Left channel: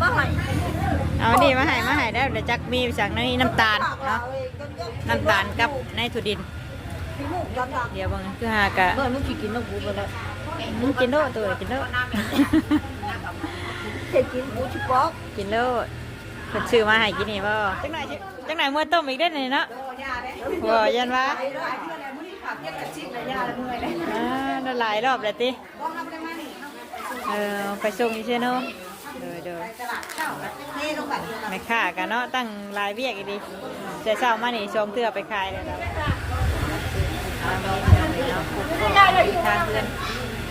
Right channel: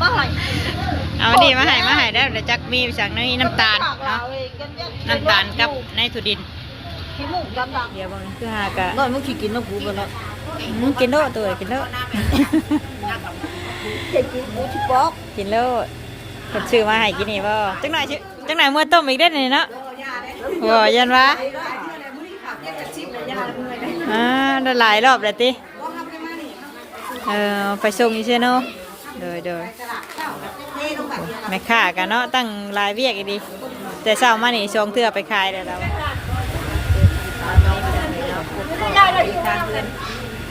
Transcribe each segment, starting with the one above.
มาให้เอาดีมาให้มาให้ได้เดี๋ยวจักมีจากนี้น้ำตาลเนาะน้ำตาลกับในถั่วดิน ขี้มูกกันบ้างเดี๋ยวบางคือหากะก่อนมึงสิกินน้ำกูไปแล้วอืมกินโลดตัวกินโลดเฮ็ดกูกูสิปอกกินโลดคนชื่อมาให้กินนี่บ่จังหน่อยชื่อจังหน่อยเมื่อต้มอีกได้นี่เนาะบ่ยันวะอ่าได้หลายรอบแล้วติเออไปส่งอีเชโน เดยเดยแม่ค้ากันเนาะตั้งหลายเวียกอีดีแต่เช้ามานี่ชงเทื่อไปขายแล้วเรามาไม่ได้พี่น้องเลยเนาะพบก็อยู่ทางเพื่อน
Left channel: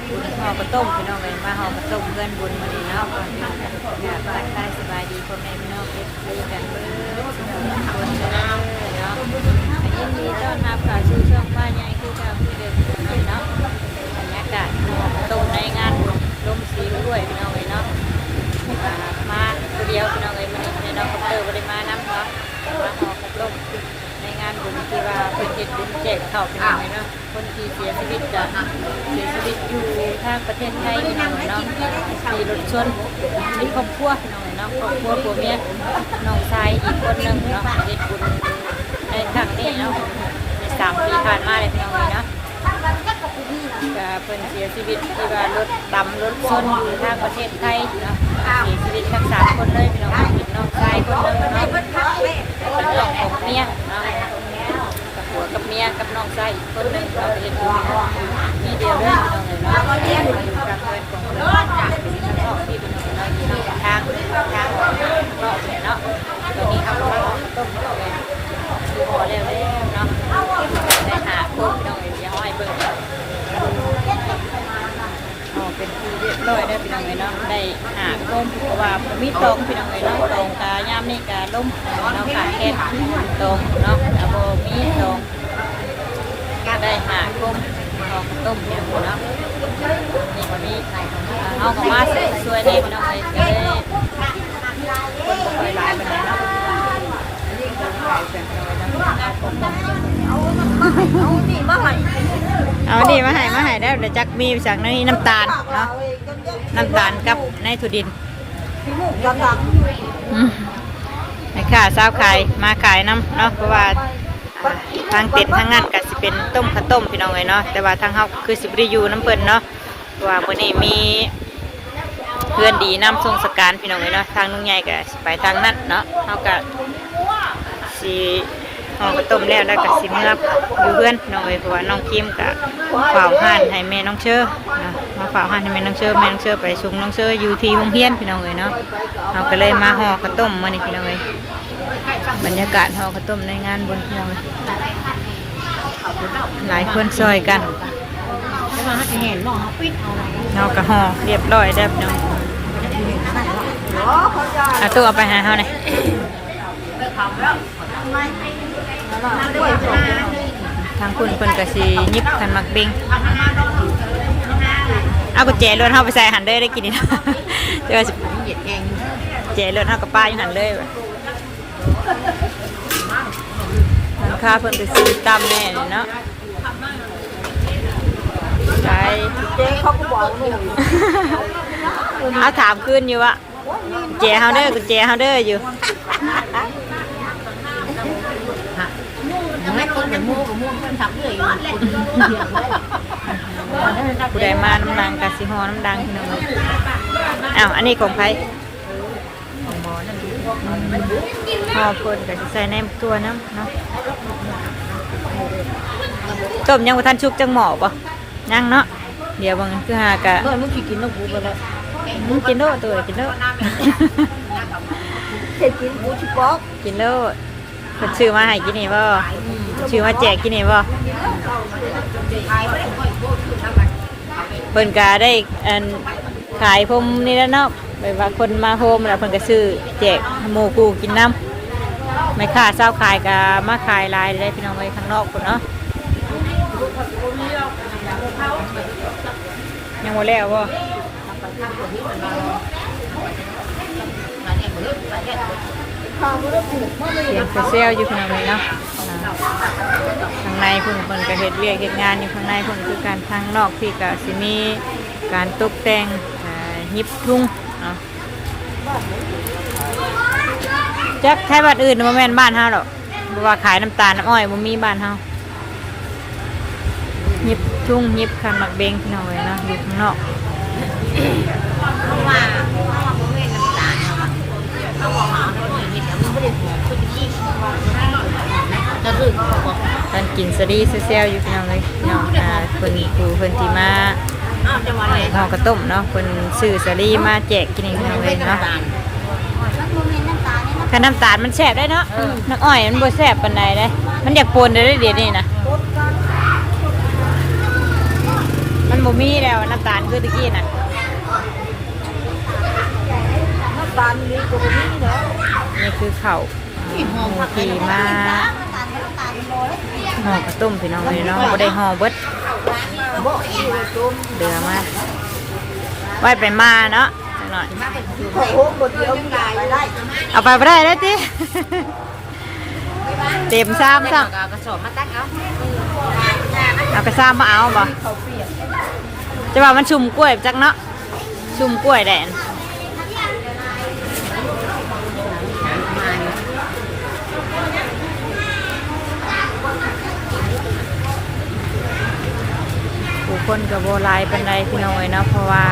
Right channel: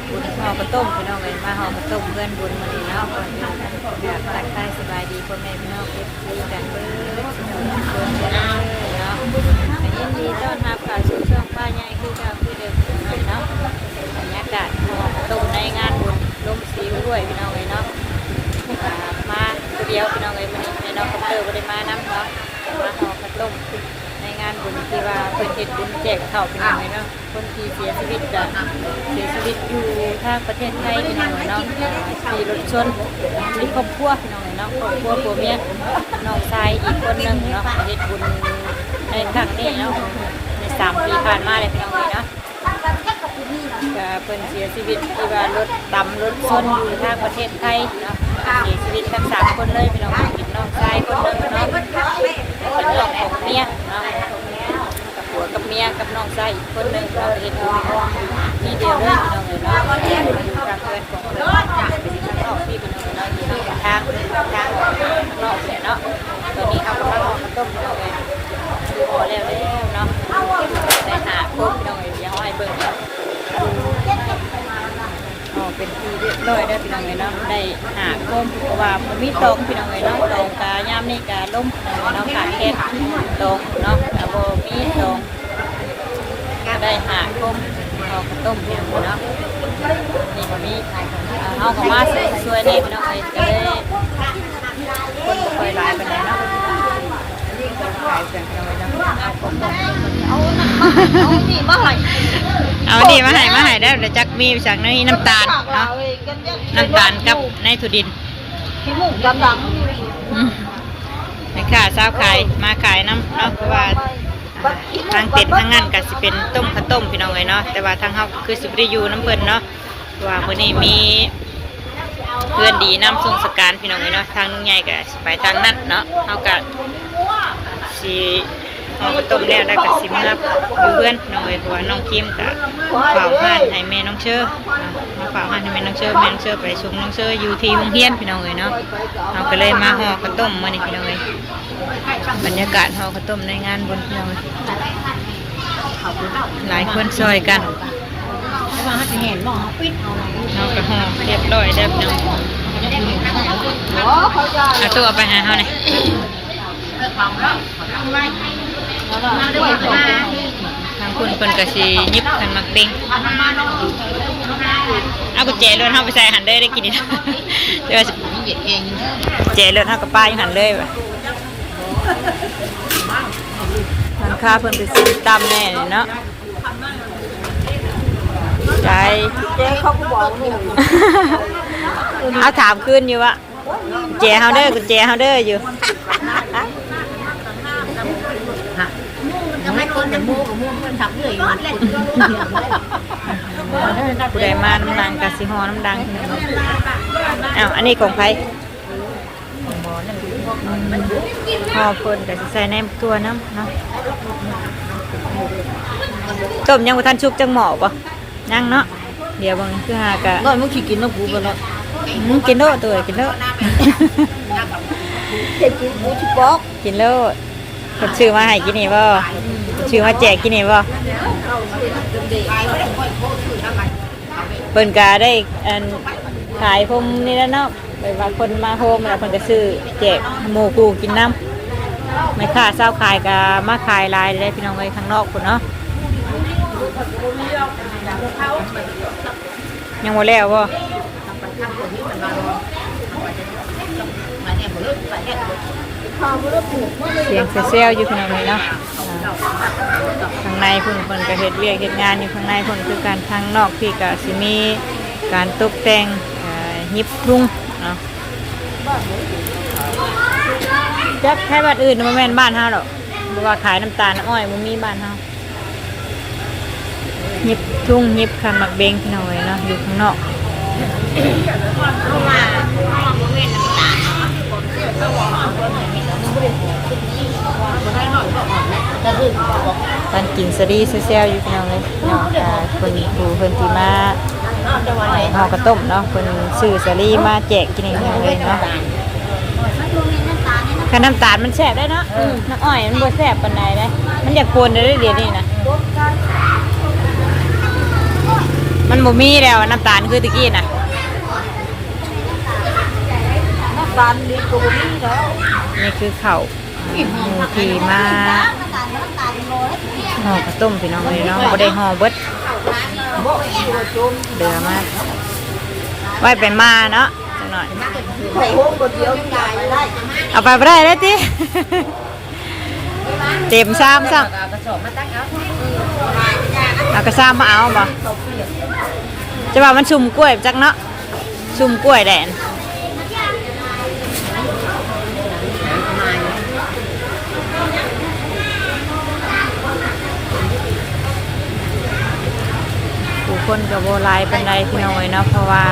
บุญห่อกระต้มพี่น้องเลยมาห่อกระต้มเพื่อนบุญมานี่เนาะก่อนอื่นอยากรักทายสบายดีพ่อแม่พี่น้องเอฟซีกันเบิดสุขทุกคนเด้อเนาะอันยินดีต้อนรับข่าวชูช่องป้าใหญ่คือเก่าคือเดิมพี่น้องเลยเนาะบรรยากาศห่อกระต้มในงานบุญลมสีด้วยพี่น้องเลยเนาะอ่า มาคนเดียวพี่น้องเอ้ยมันนี่ในน้องคอปเตอร์บ่ได้มานํเนาะมาห่อข้าวต้มในงานบุญที่ว่าเพิ่นเฮ็ดบุญแจกข้าวพี่น้องเอ้ยเนาะคนที่เสียชีวิตจะเสียชีวิตอยู่ทางประเทศไทยพี่น้องเอ้ยเนาะที่รถชนมีครอบครัวพี่น้องเอ้ยเนาะครอบครัวผัวเมียน้องชายอีกคนหนึ่งเนาะเฮ็ดบุญในครั้งนี้เนาะในสามปีผ่านมาเลยพี่น้องเอ้ยเนาะ ก็เพิ่นเสียชีวิตที่ว่ารถดำรถซนอยู่ทางประเทศไทยเนาะก็เสียชีวิตทั้งสามคนเลยพี่น้องเป็นน้องชายคนหนึงเนาะเป็นน้องของเมียเนาะกับผัวกับเมียกับน้องชายอีกคนหนึงเราเห็นที่เดียวเลยพี่น้องเลยเนาะอยู่กลางเรือนของเพิ่นเป็นข้างนอกพี่พี่น้องเลยเนาะอยู่ทางทางทางออกข้างนอกเนี่ยเนาะตอนนี้เขากำลังออกข้าต้มพี่น้องเลยคือพอแล้วแล้วเนาะได้หาครบพี่น้องเลยเดี๋ยวให้เบิ่ง เป็นที่เรียบร้อยได้พี่น้องเลยเนาะได้หาลมเพราะว่าผมมีตองพี่น้องเลยเนาะตองกาย่ามนี่กาล่มพี่น้องเลยเนาะขาดแค่ตองเนาะกาโบมีตองก็ได้หาลมเอากระต้มพี่น้องเลยเนาะนี่วันนี้อ่าเอากับมาสวยๆแน่พี่น้องเลยจะได้คนบ่ค่อยหลายปานใดเนาะ เอาของบอกนี่มาหาดีมาให้มาให้ได้เดี๋ยวจักมีจากนี้น้ำตาลเนาะน้ำตาลกับในถั่วดินนี่ค่ะสาวขายมาขายน้ำเนาะเพราะว่าทางเป็ดทางงานก็สิเป็นต้มข้าวต้มพี่น้องเลยเนาะแต่ว่าทางเฮาคือสิบได้อยู่น้ำเพิ่นเนาะว่าเพิ่นนี่มีเพื่อนดีน้ำทรงสการพี่น้องเลยเนาะทางนุ่งใหญ่ก็ไปทางนั้นเนาะเฮาก็ สิห่อข้าวต้มแล้วแล้วก็สิมารับดูเพื่อนน้องเลยเพราะว่าน้องคิมก็ฝาห้านให้แม่น้องเชื่อเนาะมาฝาห้านให้แม่น้องเชื่อแม่น้องเชื่อไปส่งน้องเชื่ออยู่ที่โรงเรียนพี่น้องเลยเนาะเราก็เลยมาห่อข้าวต้มมานี่พี่น้องเลยบรรยากาศห่อข้าวต้มในงานบนพี่น้องหลายคนซอยกันจะมาให้เห็นบ่ปิดเอาอะไรเราก็ห่อเรียบร้อยแล้พี่น้องอ๋อเขาจะเอาตู้เอาไปหาเขาเนี่ย ทางคุณเพิ่นก็สิยิบขันมักเบงเอากุญแจเลื่อนเข้าไปใส่หันเลยได้กินนี่เดี๋ยวสิมีเด็ดเองแจเลื่อนเข้ากับป้ายู่หันเลยว่ะทางค้าเพิ่นไปซื้อตามแน่เนาะใจเจ๊เขาก็บอกหนูเอาถามขึ้นอยู่ว่ากุญแจเฮาเด้อกุญแจเฮาเด้ออยู่ ยังไม่ คนแต่มูกับมูเพื่อนทับเรื่อยอยู่คนผู้ใดมาน้ำดังกะสิฮอน้ำดังพี่น้องอ้าวอันนี้ของใครฮอเพิ่นกะสิใส่ในตัวน้ำเนาะต้มยังบ่ทันชุกจังหมอบ่ยังเนาะเดี๋ยวบางคือหากะก่อนมึงสิกินน้ำกูไปแล้วอืมกินโลตัวกินโลดเฮ็ดกูกูสิปอกกินโลดเพิ่นชื่อมาให้กินนี่บ่ ชื่อมาแจกกินนี่บ่เพิ่นก็ได้อันขายพมนี่แล้วเนาะเวลาคนมาโฮมแล้วเพิ่นก็ซื้อแจกหมูกูกินน้ำไม่ค่าเช้าขายก็มาขายลายเลยพี่น้องไปข้างนอกพุ่นเนาะยังบ่แล้วบ่ ข้าวมันก็ถูกมากเลยเสียงเซลอยู่พี่น้องเลยเนาะข้างในพุ่นเพิ่นก็เฮ็ดเวียกเฮ็ดงานอยู่ข้างในพุ่นคือการทางนอกพี่ก็สิมีการตกแต่งยิบรุงเนาะจักไทยบ้านอื่นบ่แม่นบ้านเฮาหรอกบ่ว่าขายน้ำตาลน้ำอ้อยบ่มีบ้านเฮาหยิบทุ่งหยิบคันหมักเบงพี่น้องเอ้ยเนาะอยู่ข้างนอกเพราะว่าเพราะว่าบ่แม่น ตอนกินสลีเซลอยู่พี่น้องเอ้ยพี่น้องอ่าเพิ่นครูเพิ่นที่มาเนาะจังหวัดไหนห่อกระต้มเนาะเพิ่นซื้อสลีมาแจกกินเองพี่น้องเอ้ยเนาะคันน้ำตาลมันแซ่บได้เนาะน้ำอ้อยมันบ่แซบปานใดได้ มันอยากปนได้เดี๋ยวนี้นะมันบ่มีแล้วน้ำตาลคือตะกี้น่ะน้ำตาลมีตัวนี้แล้ว นี่คือเขา่าหมูทีมาห่อกระตุ้มพี่น้องเลยเนาะบ่ได้ห่อเบิดเดือมาไว้ไปมาเนาะจังหน่อยขอโฮมบ่เดียวตาได้เอาไปบ่ได้เลยติเต็มซ้ำซ้กระสอบมาเอาเออได้จ้านะำเอากระซ้ำมาเอาบ่เขาเปียกจะว่ามันชุ่มกล้วยจักเนาะชุ่มกล้วยแดน ผู้คนกับโบหลายปันไดพี่น้องเอ้ยเนาะเพราะว่า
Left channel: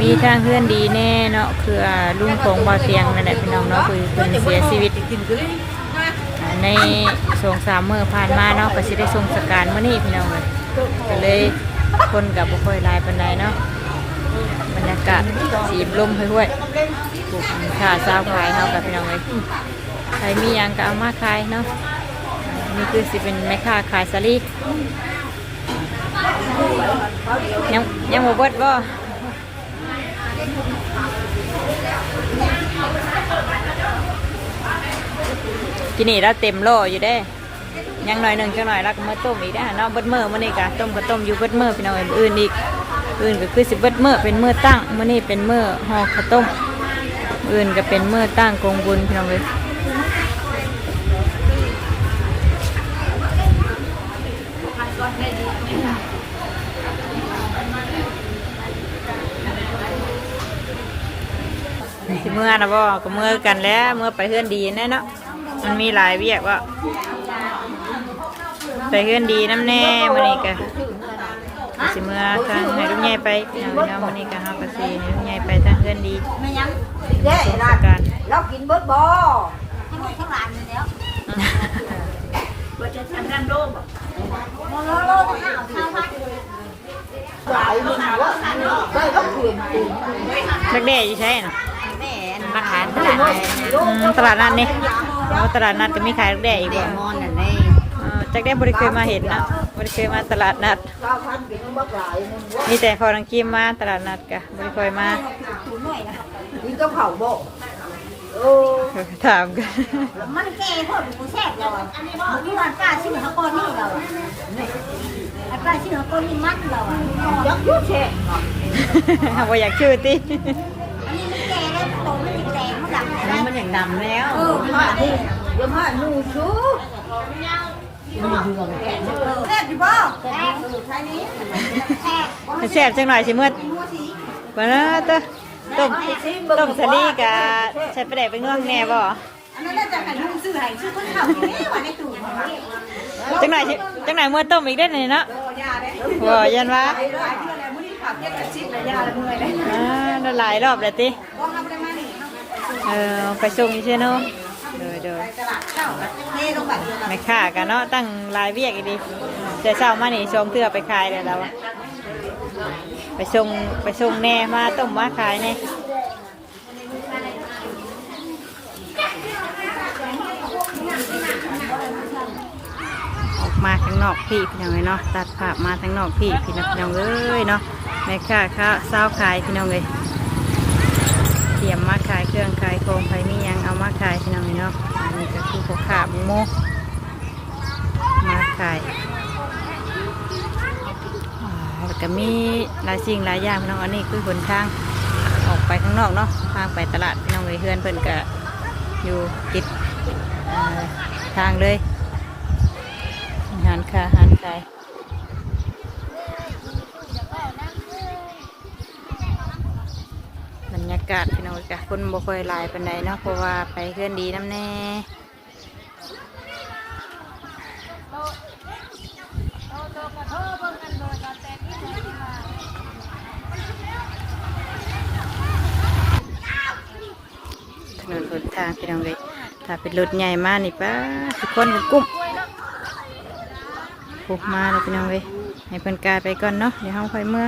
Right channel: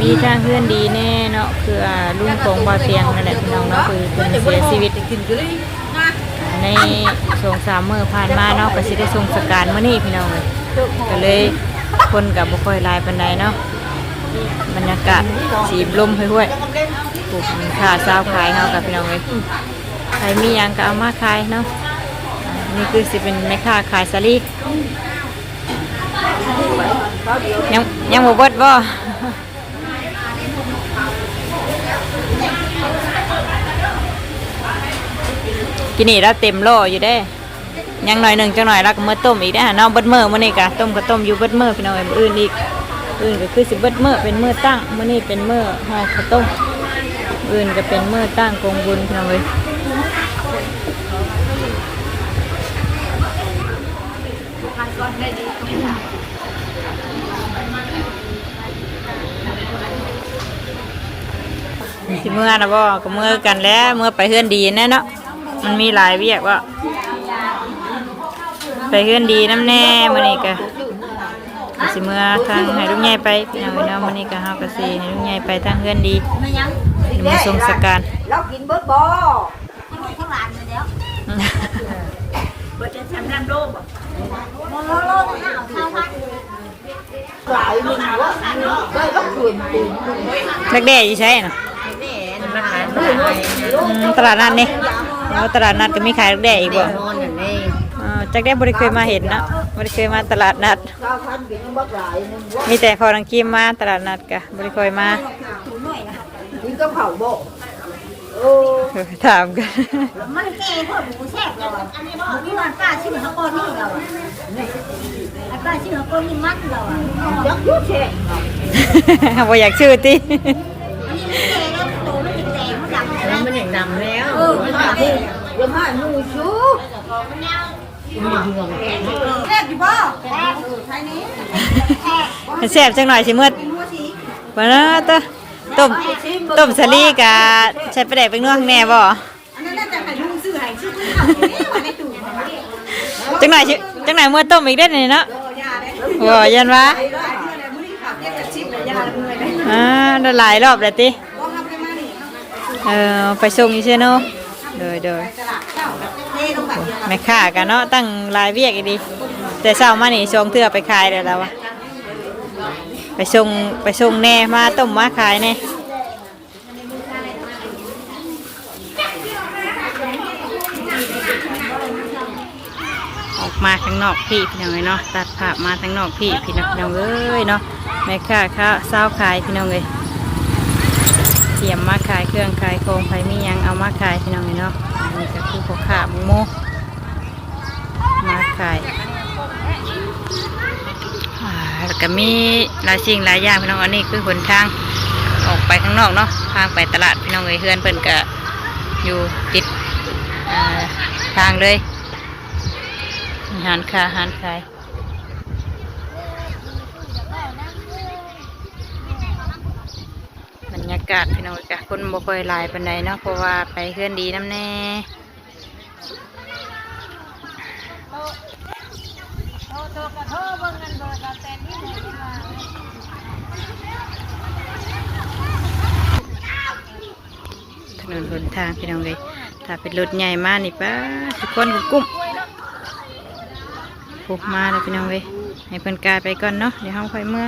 มีทางเพื่อนดีแน่เนาะคือลุงของบ่าเตียงนั่นแหละพี่น้องเนาะคือเพิ่นเสียชีวิตในสงสามมื้อผ่านมาเนาะก็สิได้ส่งสการมื้อนี้พี่น้องเอ้ยก็เลยคนกับบ่ค่อยลายปานใดเนาะบรรยากาศสีลมห้วยๆปลูกขาซาวขายเฮากับพี่น้องเอ้ยใครมียังก็เอามาขายเนาะนี่คือสิเป็นแม่ค้าขายสลี ยังยังบ่เบิดบ่กินนี่ล้วเต็มโลอยู่เด้ ยังหน่อยหนึ่งจังหน่อยแล้วก็เมื่อต้มอีกนะเนาะเบิดเมื่อมื้อนี้ก็ต้มก็ต้มอยู่เบิดเมื่อพี่น้องเอออื่นอีกอื่นก็คือสิเบิดเมื่อเป็นเมื่อตั้งมื้อนี้เป็นเมื่อห่อข้าวต้ม อื่นก็เป็นเมื่อตั้งกงบุญพี่น้องเอ้ย สิเมื่อนะบ่ก็เมื่อกันแล้วเมื่อไปเฮือนดีแน่เนาะมันมีหลายเวียกว่าไปเฮือนดีน้ำแน่มื้อนี้ก็สิเมื่อทางให้ลูกใหญ่ไปพี่น้องเนาะมื้อนี้ก็เฮาก็สิให้ลูกใหญ่ไปทางเฮือนดีไม่ยังมาส่งสการเรากินเบิดบ่ทั้งหมดทั้งหลานมาแล้วเบิดจะทำรันโดมโลโลทั้งห้าข้าวพักหลายมึงวะได้ก็เปลี่ยนเปลี่ยนเล็กแด่อยู่ใช่น่ะแม่มาขายอืมตลาดนัดนี่อ๋อตลาดนัดก็มีขายเล็กแด่อีกบ่นอนนั่นเองอ๋อจักได้บ่ได้เคยมาเห็นเนาะบ่ได้เคยมาตลาดนัดข้าวพันกินบักหลายมึงวะมีแต่ขอรังกีมมาตลาดนัดก็บ่ได้เคยมานี่ต้องเผาบ่โอ้เออถามกัน มันแก่พวกกูแซ่บเราอันนี้บ่นี่ร้านป้าชื่อฮักกอนนี่เราไอ้ป้าชื่อฮักกอนนี่มันเราอะยักษ์ลูกแช่บ่อยากชื่อติอันนี้มันแก่แล้ว แล้วเออมาดิอย่ามาหนูชูแซ่บอยู่บ่แซ่บเออไทยนี้แซ่บมันแซ่บจังหน่อยสิมื้อหัวสีบ่นะตะต้มต้มสลีกะใช้ปแดกเป็นนวข้างแน่บ่อันนั้นน่าจะให้ลุงซื้อให้ซื้อคนขับนี่มาในตู้มาจังหน่อยจังหน่อยมื้อต้มอีกได้อนี่เนาะโอ้ยาเด้บ่ยันว่ายหลายเทื่อแล้วมื้อนี้ขับเจ็ดแต่ชิปเลยยาแล้วเมื่อยเลยอ่าได้หลายรอบแล้วติบ่ทำได้มานี่ เออไปส่งอยู่เช่เนาะเดยเดยไปตลาดเช้าเทลงแบบเดียวกันแม่ค้ากันเนาะตั้งหลายเวียกอีดี แต่เช้ามานี่ส่งเทื่อไปขายได้แล้ววะไปส่งไปส่งแน่มาต้มมาขายแน่ออกมาข้างนอกพี่พี่น้องเอ้ยเนาะตัดภาพมาข้างนอกพี่พี่น้องพี่น้องเอ้ยเนาะแม่ค้าข้าวเศร้าขายพี่น้องเอ้ย เตรียมมาขายเครื่องขายโครงไฟมียังเอามาขายพี่น้องเนาะอันนี้ก็คือพวกขาหมูโมมาขายแล้วก็มีหลายสิ่งหลายอย่างพี่น้องอันนี้คือหนทางออกไปข้างนอกเนาะทางไปตลาดพี่น้องเอ้ยเฮือนเพิ่นก็อยู่ติดทางเลยหานคาหานขายบ รรรยากาศพี่น้องจ้ะคนบ่ค่อยหลายปานใดเนาะเพราะว่าไปเพื่อนดีน้ำแน่ถนนหนทางพี่น้องเลยถ้าเป็นรถใหญ่มากนี่ป้าทุกคนก็กุ้มปุ๊บมาเลยพี่น้องเลยให้เพิ่นกายไปก่อนเนาะเดี๋ยวเฮาค่อยเมื่อ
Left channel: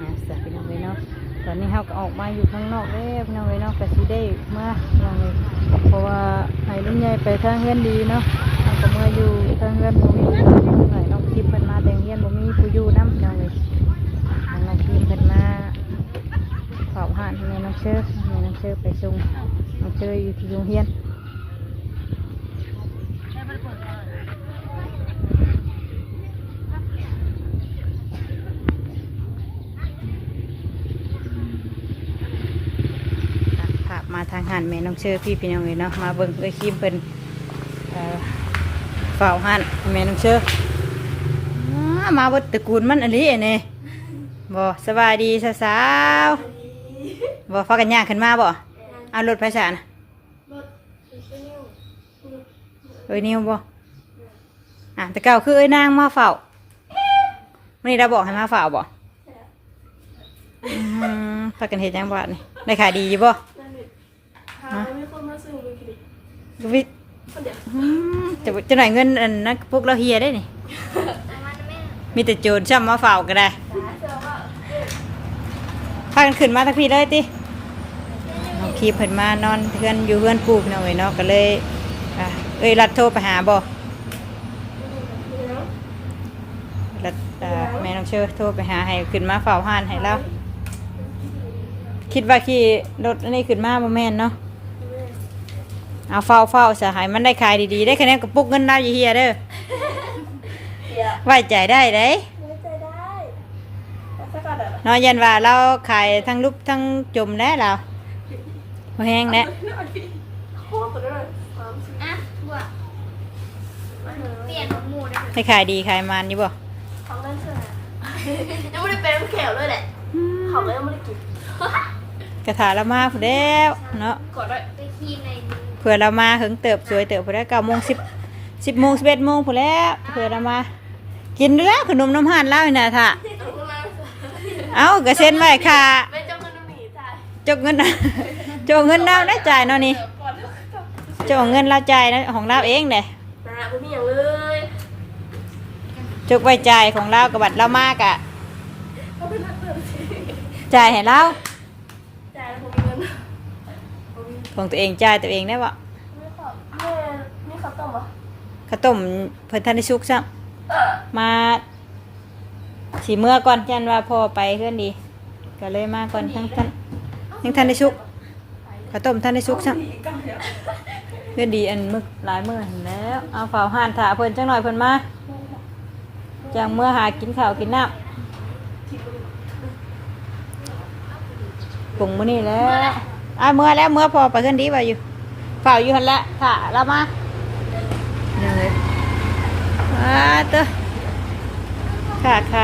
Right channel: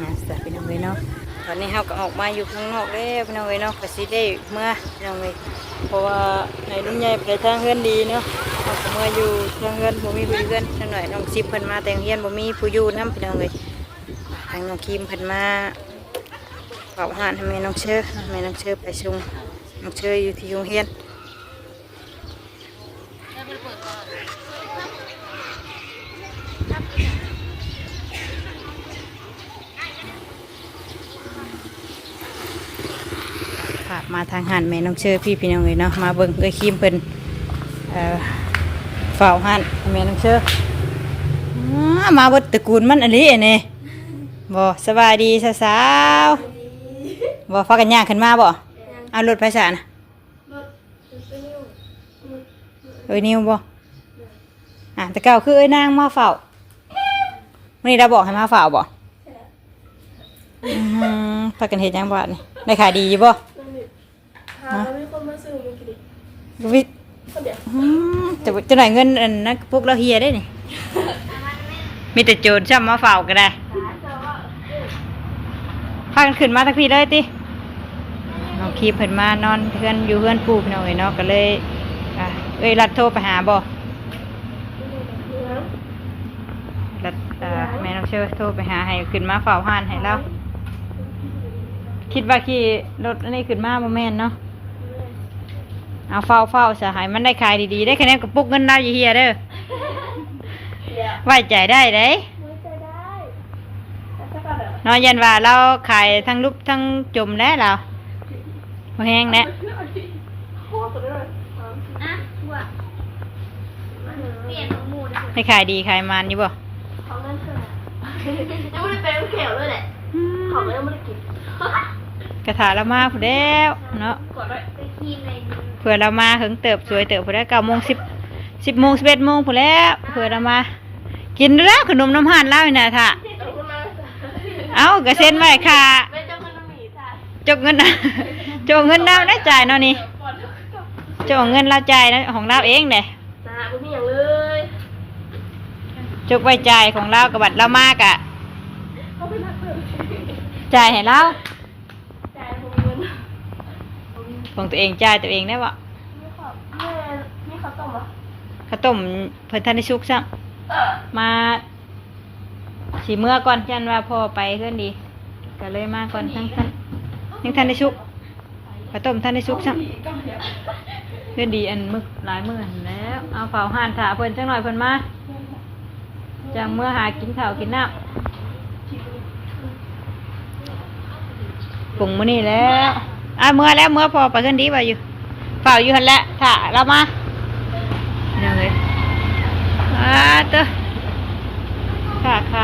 นะสวัสดีพี่น้องเวยเนาะตอนนี้เราก็ออก มาอยู่ข้างนอกได้พี่น้องเวยเนาะก็สิได้เมื่อพี่น้องเวยเพราะว่าให้ลุงใหญ่ไปทางเฮือนดีเนาะเราก็เมื่ออยู่ทางเฮือนบ่มีผู้อนเฮือนจังหน่อยน้องซิมเพิ่นมาแต่งเฮียนบ่มีผู้อยู่นํพี่น้องเวยทางน้องคิมเพิ่นมาฝากอาหารให้แม่น้องเชอให้แม่น้องเชอไปชงน้องเชออยู่ที่โรงเรียน ทางหันแม่น้องเชอพี่พี่น้องเวยเนาะมาเบิ่งเอ้ยคิมเพิ่นเอ่อฝากอาหารให้แม่น้องเชออ๋อมาเบิดตระกูลมันอันนี้นี่บ่สบายดีสาวบ่ฟักกันย่างขึ้นมาบ่เอารถไปซะนะเอ้ยนิวบ่อะแต่เก่าคือเอ้ยนางมาเฝ้ามื้อนี้เราบอกให้มาเฝ้าบ่อืมฟักกันเฮ็ดยังบ่นี่ได้ขายดีบ่ หาไม่คนมาซื้อมันกินดิวิคนเดียวอืมจะจะหน่อยเงินอันนั้นพวกเราเฮียได้นี่ มีแต่โจรช่ำมาเฝ้าก็ได้พากันขึ้นมาทักพี่เลยติน้องคีบเพิ่นมานอนเพื่อนอยู่เพื่อนปลูกหน่อยเนาะก็เลยอะเอ้ยรัดโทรไปหาบ่รัดอ่าแม่น้องเชื่อโทรไปหาให้ขึ้นมาเฝ้าห้านให้เราคิดว่าขี่รถอันนี้ขึ้นมาบ่แม่นเนาะ เอาเฝ้าเฝ้าสหายมันได้ขายดีๆ ได้คะแนนกระปุกเงินดาวอยู่เฮียเด้อเดี๋ยวไว้ใจได้เด้ไว้ใจได้แต่ถ้าก่อนอะนอนยันว่าเราขายทั้งรูปทั้งจมแล้วเราบ่แห้งแล้วโคตรตัวเลยสามสี่อะว่าเปลี่ยนหมูได้ให้ขายดีขายมันอยู่บ่ของเล่นเชื่อยังไม่ได้เป็นน้ำแข็งเลยแหละของเลยยังไม่ได้กิน กระถาเรามาผู้เดียวเนาะกด้วยไปคีมเลยเผื่อเรามาถึงเติบสวยเติบผู้ได้เก้าโมงสิบสิบโมงสิบเอ็ดโมงผู้แล้วเผื่อเรามา กินแล้วขนมน้ำห่านแล้วนี่นะท่าเอากระเซ็นไว้ค่ะไม่จำเป็นต้องหนีจ่ายจกเงินจกเงินเราได้จ่ายเนาะนี่ก่อนด้วยจกเงินเราจ่ายนะของเราเองเนะไม่มีอย่างเลยจกไว้จ่ายของเรากับบัตรเรามากอะเขาเป็นนักเรียนจ่ายให้เรา จ่ายผมเงิน ของตัวเองจ่ายตัวเองได้ปะไม่ขอแม่มีข้าวต้มเหรอข้าวต้มเพิ่นทันได้ชุกซะเออมาสีเมื่อก่อนจันว่าพอไปเพื่อนดี ก็เลยมาก่อนทั้งท่านยังทันได้ชุกข้าวต้มทันได้ชุกซะเพื่อนดีอันมึกหลายมื้อหั่นแหล้วเอาเฝ้าห่านถ่าเพิ่นจังหน่อยเพิ่นมาจังเมื่อหากินข้าวกินน้ำปรุงมื้อนี้แล้ว อะเมื่อแล้วเมื่อพอไปเพื่อนดีว่าอยู่เฝ้าอยู่หันแหละถ่าเรามาเดี๋ยเลยอ่าเต้อขาดใคร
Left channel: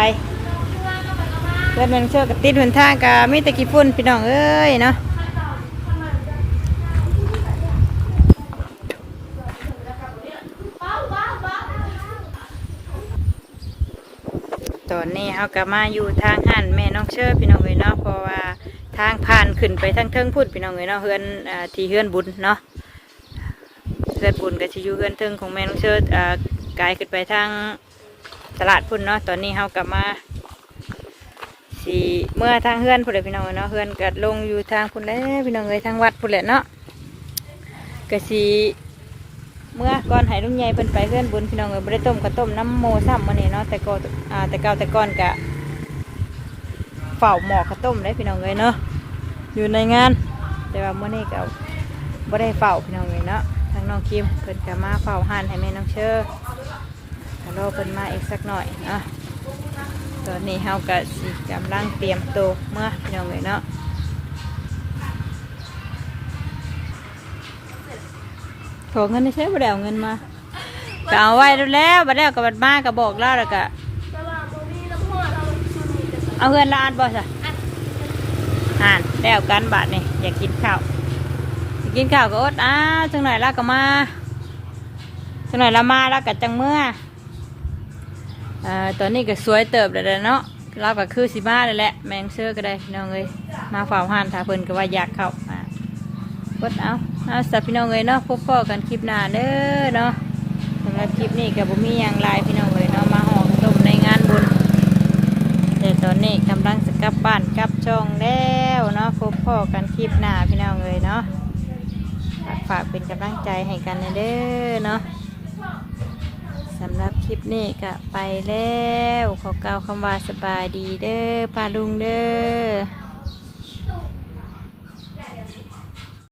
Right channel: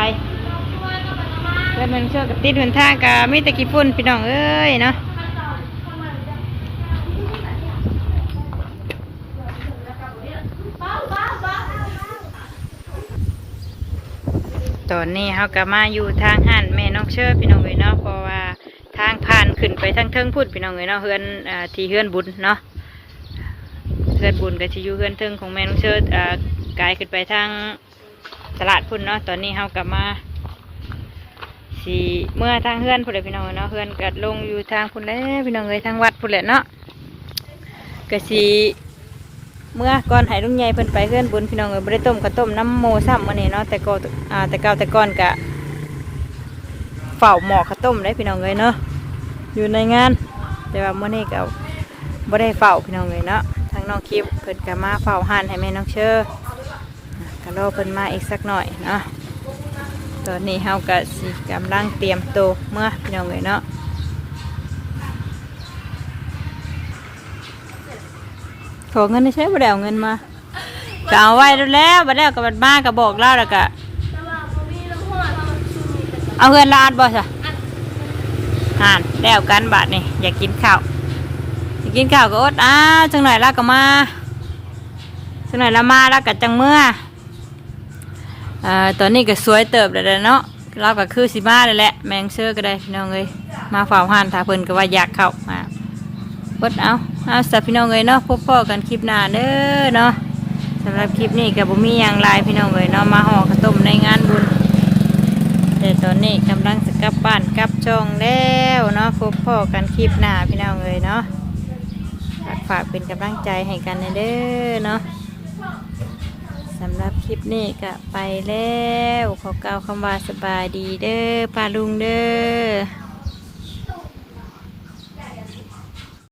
แล้วมันเชื่อกับติดหนท่ากับมีแตะกี้ฝุ่นพี่น้องเอ้ยเนาะตอนนี้เขาก็มาอยู่ทางหันแม่น้องเชื่อพี่น้องเอ้ยเนาะเพราะว่า ทางผ่านขึ้นไปทางเทิงพุ่นพี่น้องเอ้ยเนาะเฮือนอ่าที่เฮือนบุญเนาะเฮือนบุญก็จะอยู่เฮือนเทิงของแม่น้องเชื่ออ่ากลายขึ้นไปทางตลาดพุ่นเนาะตอนนี้เฮากลับมาสีเมื่อทางเฮือนพุ่นเลยพี่น้องเนาะเฮือนกัดลงอยู่ทางพุ่นแล้วพี่น้องเลยทางวัดพุ่นแหละเนาะกะสีเมื่อก่อนให้ลุงใหญ่เพิ่นไปเฮือนบุญพี่น้องเลยบ่ได้ต้มกระต้มน้ำโมซ้ำวันนี้เนาะแต่ก็อ่าแต่เก่าแต่ก่อนกะเฝ้าหมอกข้าวต้มเลยพี่น้องเลยเนาะ อยู่ในงาน แต่ว่าเมื่อนี้ก็บ่ได้เฝ้าพี่น้องเลยเนาะทางน้องคิมเพิ่นก็มาเฝ้าห่านให้แม่น้องเชอฮัลโหลเพิ่นมาอีกสักหน่อยนะตอนนี้เฮาก็สิกำลังเตรียมตัวเมื่อพี่น้องเลยเนาะขอเงินได้ใช้บ่ได้เอาเงินมาก็เอาไว้แล้วบัดแล้วก็บัดมาก็บอกเล่าแล้วก็แต่ว่าบ่มีน้ำหัวเราชุดนี้กันเอาเงินลาดบ่ซะ อ่านแล้วกันบาดนี่อยากกินข้าวอยากกินข้าวก็อดอ้าจังหน่อยแล้วก็มาจังหน่อยละมาแล้วก็จังเมื่อเอ่อตอนนี้ก็สวยเติบแล้วเด้อเนาะเราก็คือสิมาเลยแหละแมงเชื่อก็ได้พี่น้องเอ้ยมาฝ่าหันถ้าเพิ่นก็ว่าอยากเข้ามากดเอาเอาสับพี่น้องเลยเนาะพบพ่อกันคลิปหน้าเด้อเนาะสำหรับคลิปนี้กับบุมีอย่างไรพี่น้องเลยเนาะมาห่อข้าวต้มในงานบุญ แต่ตอนนี้กำลังจะกลับบ้านกลับช่องแล้วเนาะพบพ่อกันคลิปหน้าพี่น้องเลยเนาะฝากฝากเป็นกำลังใจให้กันนเด้อเนาะสำหรับคลิปนี้ก็ไปแล้ว ขอกล่าวคำว่าสบายดีเด้อปาลุงเด้อ